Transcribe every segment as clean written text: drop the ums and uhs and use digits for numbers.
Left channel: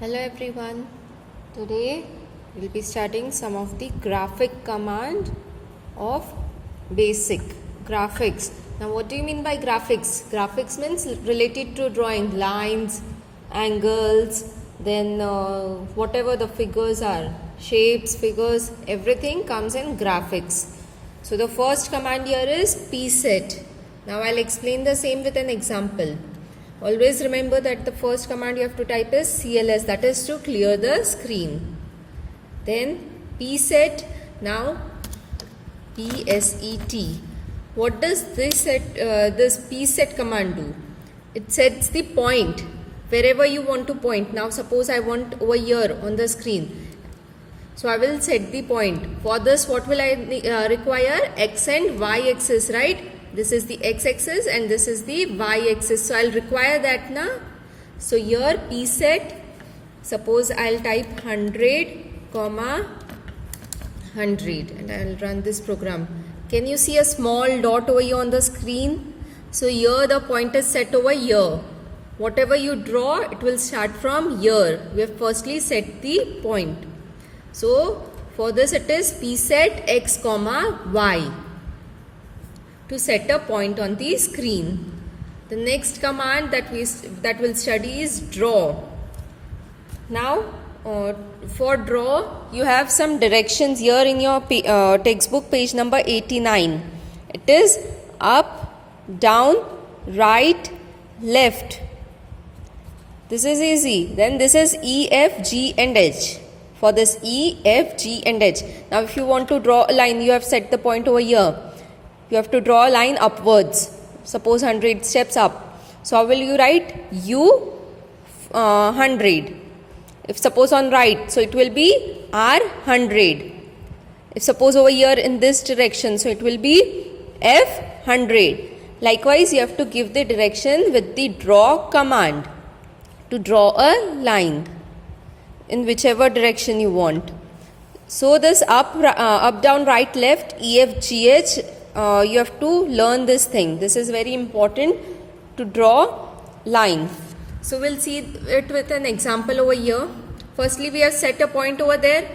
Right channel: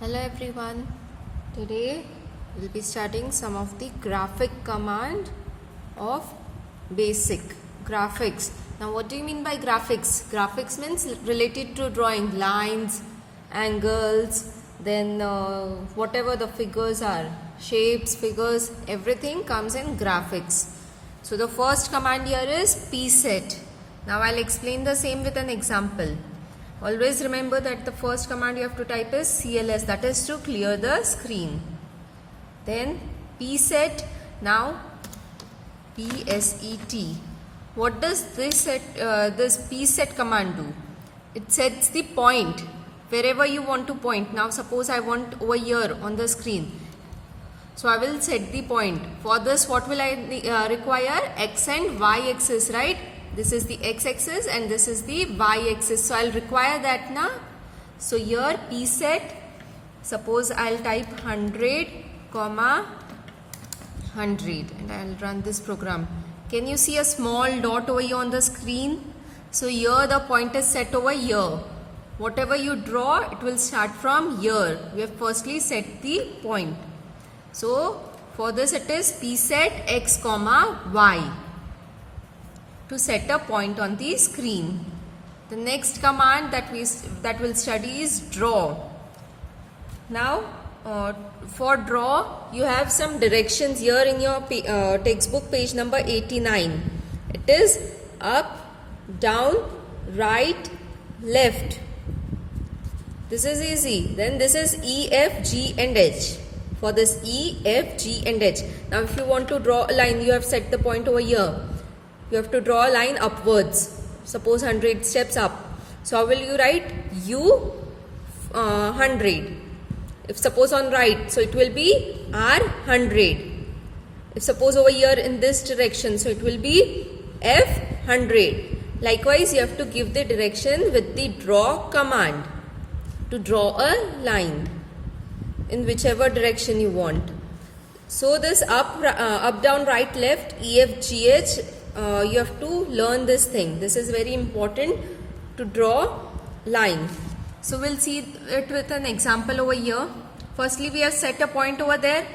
Hello everyone. Today we'll be studying some of the graphic command of basic graphics. Now what do you mean by graphics? Graphics means related to drawing lines, angles, then whatever the figures are, shapes, figures, everything comes in graphics. So the first command here is pset. Now I'll explain the same with an example. Always remember that the first command you have to type is CLS, that is to clear the screen. Then pset, now PSET. What does this pset command do? It sets the point wherever you want to point. Now suppose I want over here on the screen. So I will set the point. For this what will I require? X and Y axis, right? This is the x-axis and this is the y-axis. So I'll require that now. So here pset, suppose I'll type 100, 100 and I'll run this program. Can you see a small dot over here on the screen? So here the point is set over here. Whatever you draw, it will start from here. We have firstly set the point. So for this it is pset x, y. To set a point on the screen. The next command that we'll study is draw. Now for draw you have some directions here in your textbook, page number 89. It is up, down, right, left. This is easy. Then this is E, F, G and H. For this E, F, G and H. Now if you want to draw a line, you have set the point over here. You have to draw a line upwards. Suppose 100 steps up. So how will you write? U 100. If suppose on right, so it will be R 100. If suppose over here in this direction, so it will be F 100. Likewise, you have to give the direction with the draw command to draw a line in whichever direction you want. So this up, down, right, left, E, F, G, H. You have to learn this thing. This is very important to draw line. So we'll see it with an example over here. Firstly, we have set a point over there.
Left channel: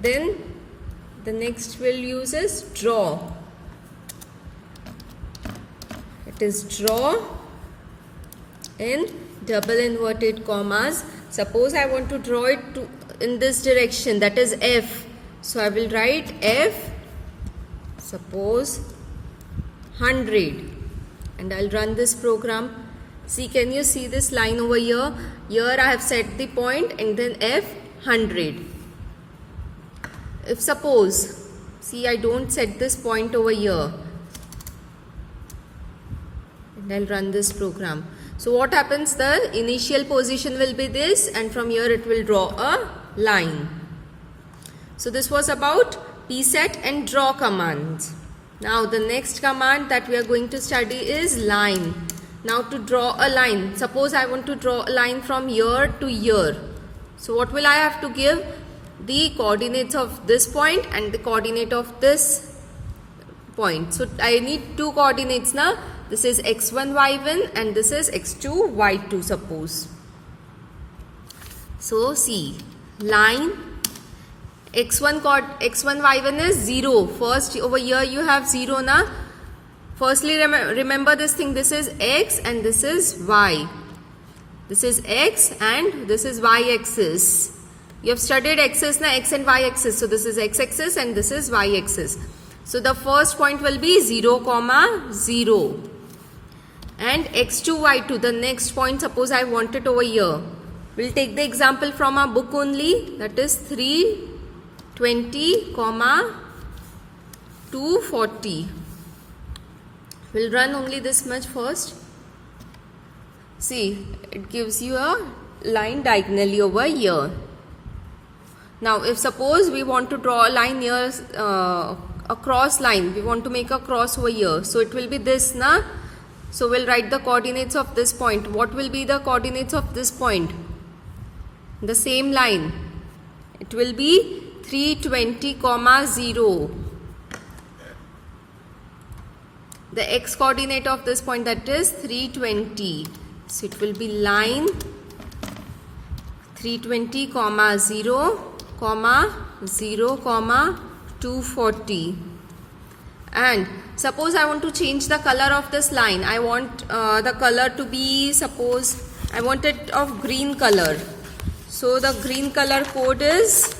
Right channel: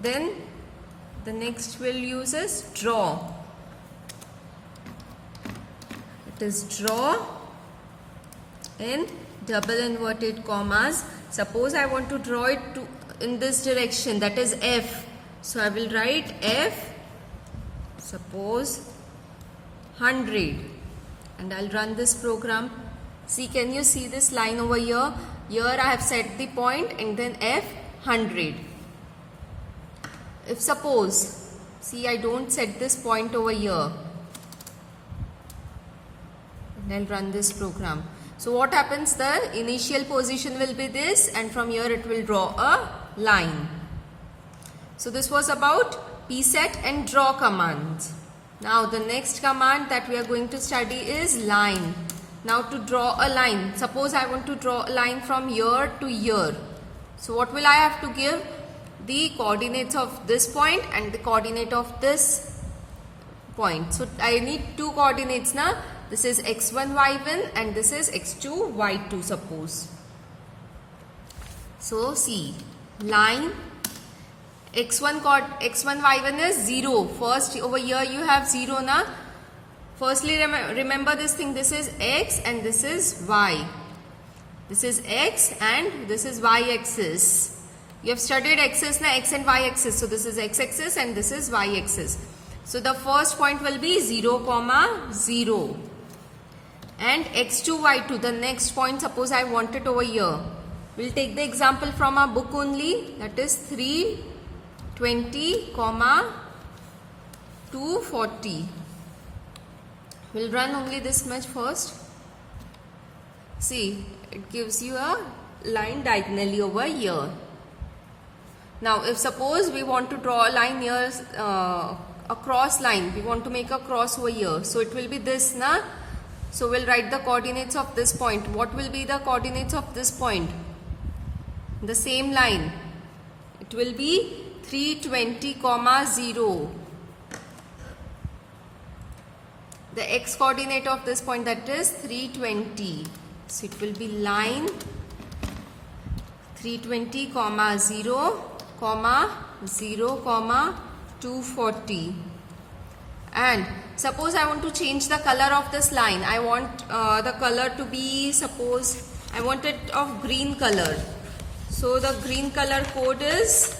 Then the next we'll use is draw. It is draw in double inverted commas. Suppose I want to draw it in this direction, that is F. So I will write F, suppose 100, and I'll run this program. See, can you see this line over here? Here I have set the point and then F 100. If suppose, see, I don't set this point over here, and I'll run this program. So what happens? The initial position will be this, and from here it will draw a line. So this was about pset and draw commands. Now the next command that we are going to study is line. Now to draw a line, suppose I want to draw a line from here to here. So what will I have to give? The coordinates of this point and the coordinate of this point. So I need two coordinates now. This is x1, y1 and this is x2, y2 suppose. So see, line x1, y1 is 0. First over here you have 0 na. Firstly remember this thing, this is x and this is y. This is x and this is y axis. You have studied axis na, x and y axis. So this is x axis and this is y axis. So the first point will be 0, 0. And x2, y2, the next point, suppose I want it over here. We'll take the example from our book only, that is 320, 240. We'll run only this much first. See, it gives you a line diagonally over here. Now, if suppose we want to draw a line here, a cross line, we want to make a cross over here. So it will be this, na? So we'll write the coordinates of this point. What will be the coordinates of this point? The same line. It will be 320, 0. The x coordinate of this point, that is 320. So it will be line 320 comma 0 comma 0 comma 240. And suppose I want to change the color of this line. I want the color to be, suppose I want it of green color. So the green color code is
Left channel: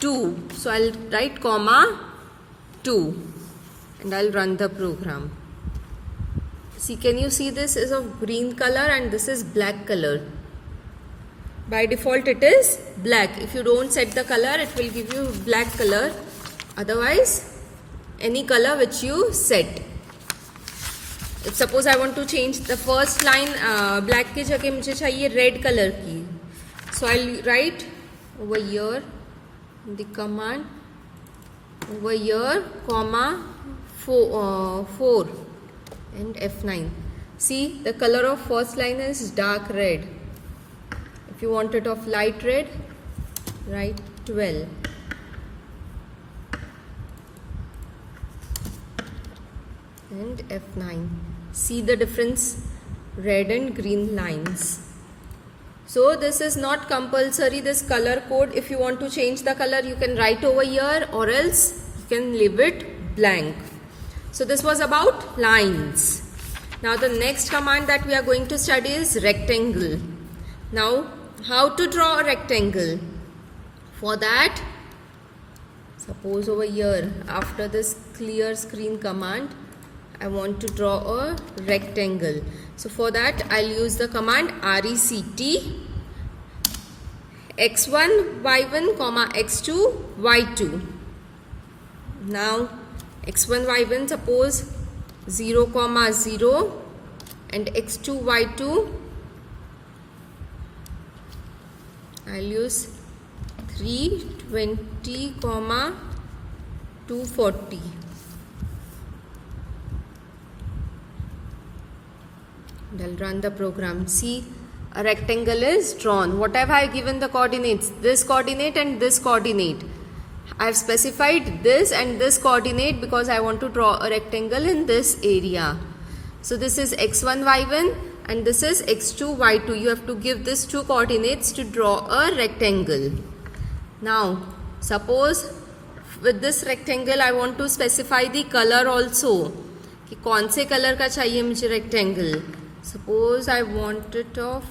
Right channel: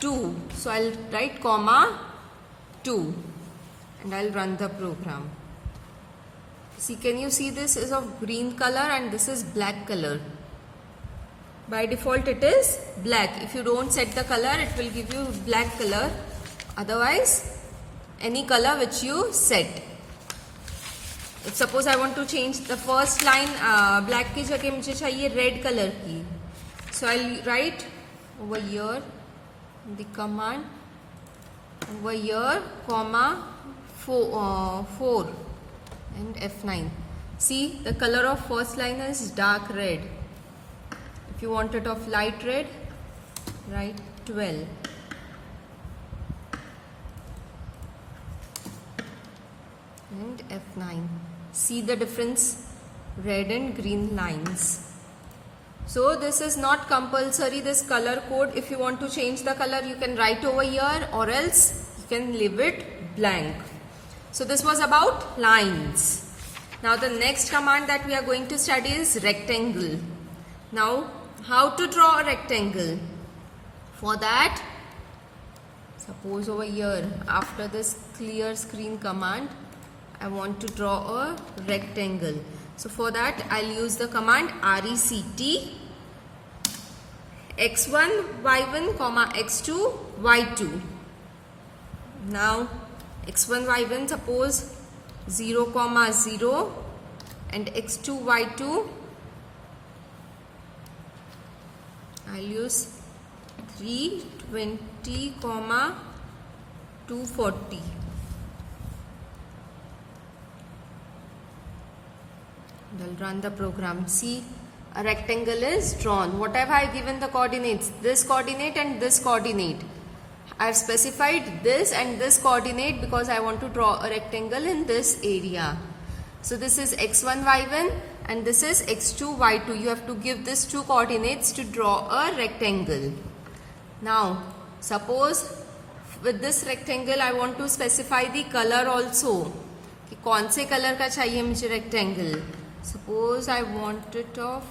2. So I'll write comma 2 and I'll run the program. See, can you see this is of green color and this is black color. By default it is black. If you don't set the color, it will give you black color. Otherwise, any color which you set. If suppose I want to change the first line, black की जगह मुझे चाहिए red color की. So I'll write over here the command over here comma 4 and F9. See, the color of first line is dark red. If you want it of light red, write 12. And F9. See the difference? Red and green lines. So this is not compulsory, this color code. If you want to change the color, you can write over here, or else you can leave it blank. So this was about lines. Now the next command that we are going to study is rectangle. Now how to draw a rectangle? For that, suppose over here after this clear screen command, I want to draw a rectangle. So for that I'll use the command RECT x1 y1 comma x2 y2. Now x1 y1 suppose 0 comma 0 and x2 y2 I'll use 320 comma 240. And I'll run the program. See, a rectangle is drawn. What have I given the coordinates? This coordinate and this coordinate. I've specified this and this coordinate because I want to draw a rectangle in this area. So this is x1 y1 and this is x2 y2. You have to give these two coordinates to draw a rectangle. Now suppose with this rectangle I want to specify the color also. कि कौन से colour का चाहिए मुझे rectangle. Suppose I want it of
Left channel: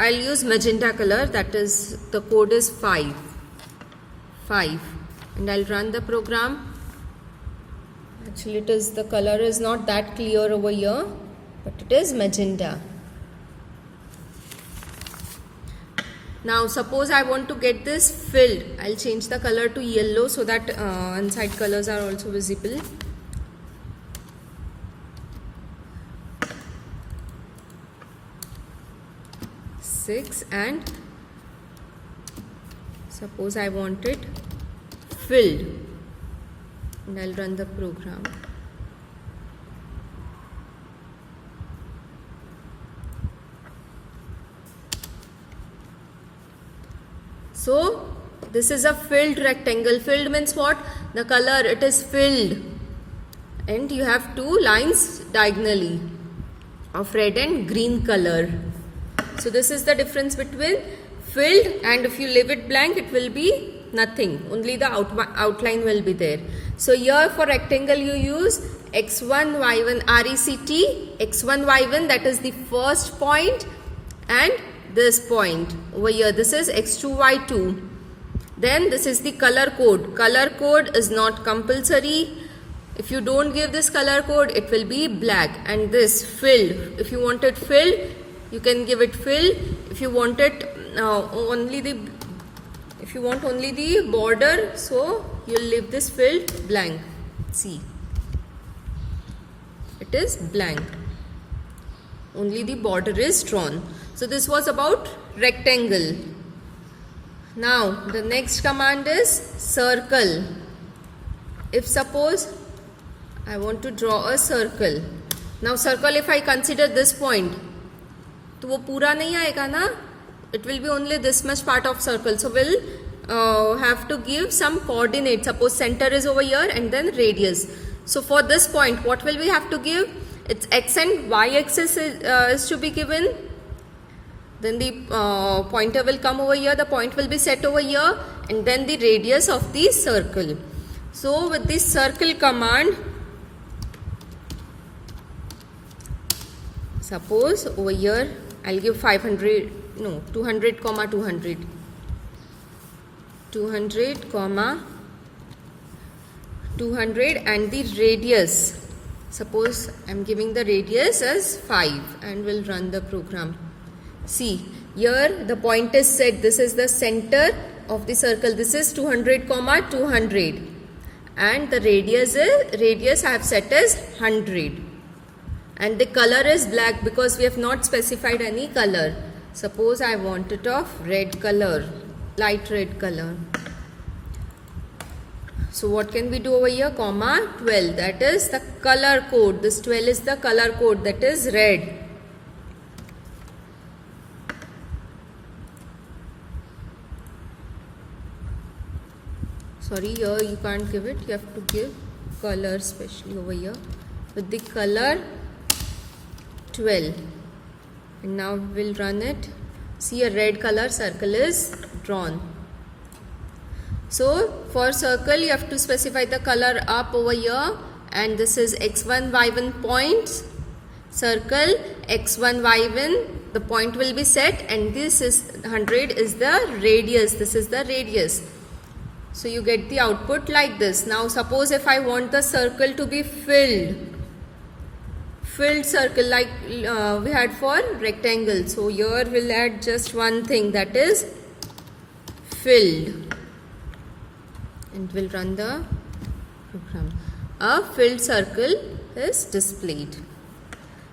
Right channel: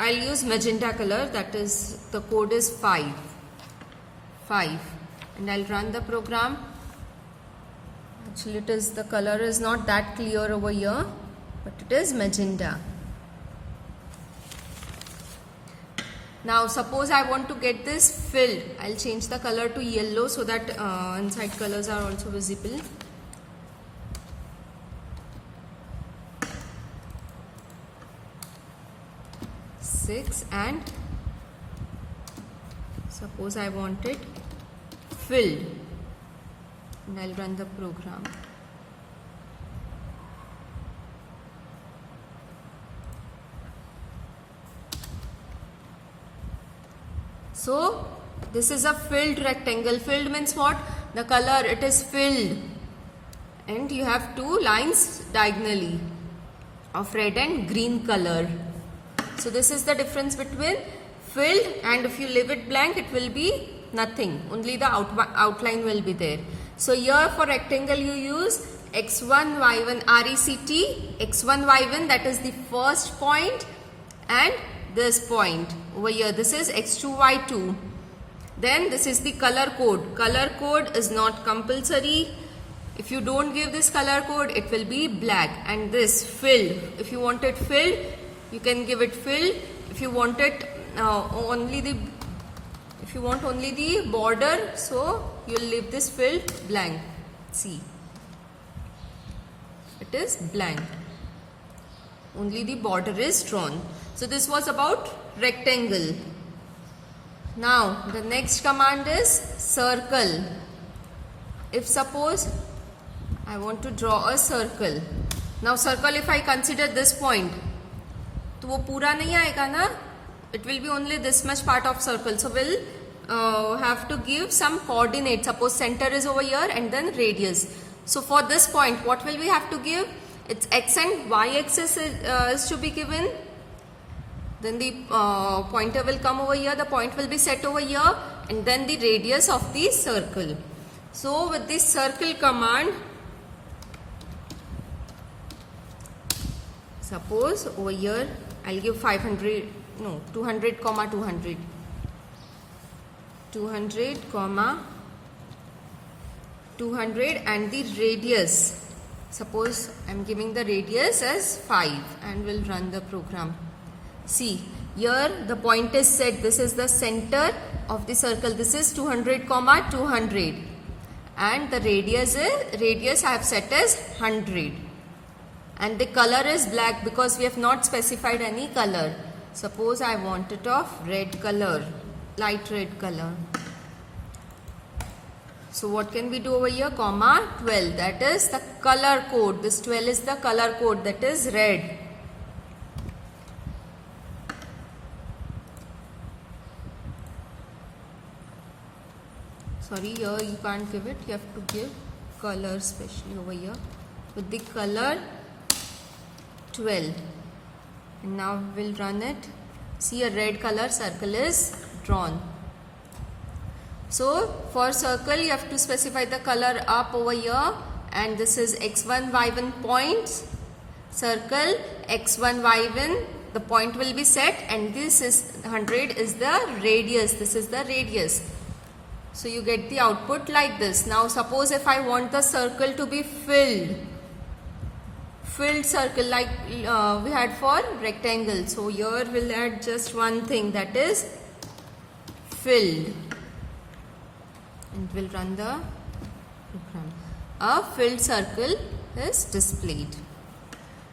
I'll use magenta color, that is the code is 5 and I'll run the program. Actually it is, the color is not that clear over here, but it is magenta. Now suppose I want to get this filled. I'll change the color to yellow so that inside colors are also visible. And suppose I want it filled and I'll run the program. So this is a filled rectangle. Filled means what? The color, it is filled and you have two lines diagonally of red and green color. So this is the difference between filled and if you leave it blank, it will be nothing. Only the outline will be there. So here for rectangle you use x1 y1 RECT x1 y1, that is the first point, and this point over here, this is x2 y2. Then this is the color code. Color code is not compulsory. If you don't give this color code, it will be black. And this filled, if you want it filled, you can give it filled. If you want it only the border, so you'll leave this filled blank. See, it is blank. Only the border is drawn. So this was about rectangle. Now the next command is circle. If suppose I want to draw a circle. Now circle, if I consider this point, तो वो पूरा नहीं आएगा ना, it will be only this much part of circle. So we'll have to give some coordinates. Suppose center is over here and then radius. So for this point, what will we have to give? Its x and y axis is to be given. Then the pointer will come over here, the point will be set over here, and then the radius of the circle. So with this circle command, suppose over here I'll give 200, 200, 200 and the radius. Suppose I'm giving the radius as 5 and we'll run the program. See, here the point is set. This is the center of the circle. This is 200, 200. And the radius I have set as 100. And the color is black because we have not specified any color. Suppose I want it of red color, light red color. So what can we do over here? 12. That is the color code. This 12 is the color code, that is red. Sorry, here you can't give it. You have to give color, especially over here. With the color 12. And now we'll run it. See, a red color circle is drawn. So for circle you have to specify the color up over here, and this is x1 y1 points, circle x1 y1, the point will be set, and this is 100 is the radius. This is the radius. So you get the output like this. Now suppose if I want the circle to be filled circle like we had for rectangle. So here we'll add just one thing, that is filled. And we'll run the program. A filled circle is displayed.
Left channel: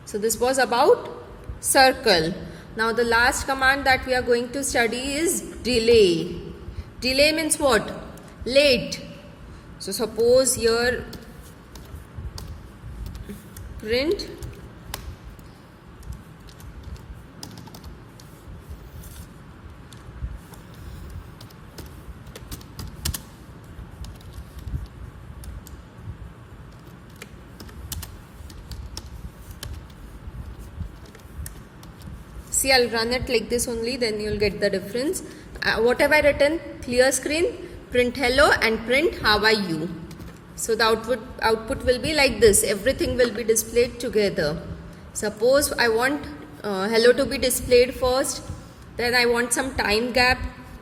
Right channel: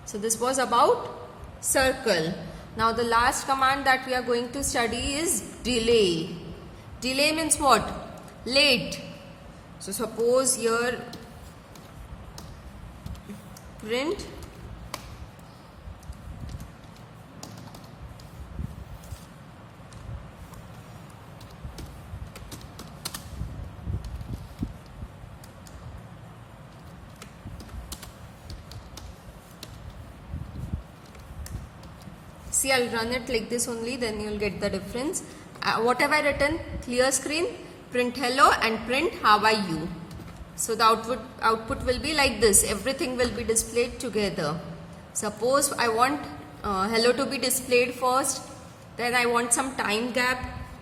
So this was about circle. Now the last command that we are going to study is delay. Delay means what? Late. So suppose here print see, I'll run it like this only, then you'll get the difference. What have I written? Clear screen, print hello and print how are you. So the output will be like this. Everything will be displayed together. Suppose I want hello to be displayed first, then I want some time gap,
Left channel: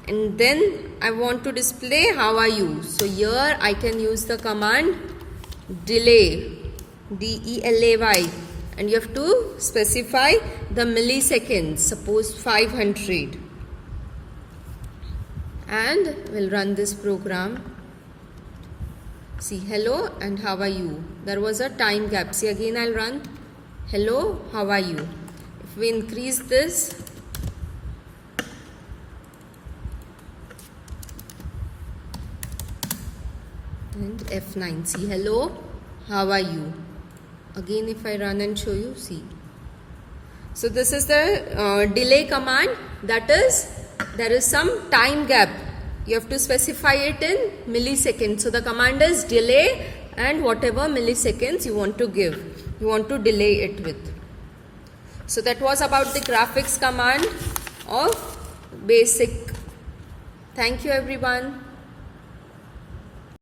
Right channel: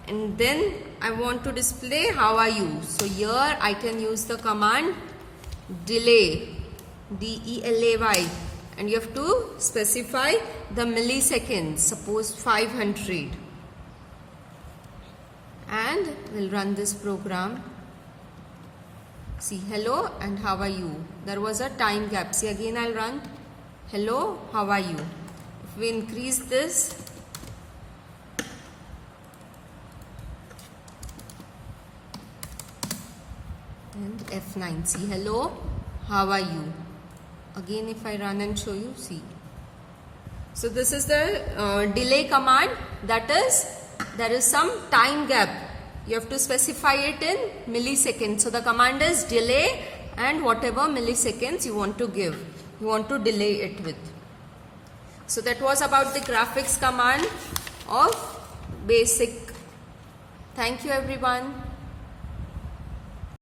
and then I want to display how are you. So here I can use the command delay, DELAY, and you have to specify the milliseconds, suppose 500, and we'll run this program. See, hello and how are you. There was a time gap. See, again I'll run hello, how are you. If we increase this, and F9, see, hello, how are you. Again if I run and show you, see. So this is the delay command, that is there is some time gap. You have to specify it in milliseconds. So the command is delay and whatever milliseconds you want to give, you want to delay it with. So that was about the graphics command of BASIC. Thank you everyone.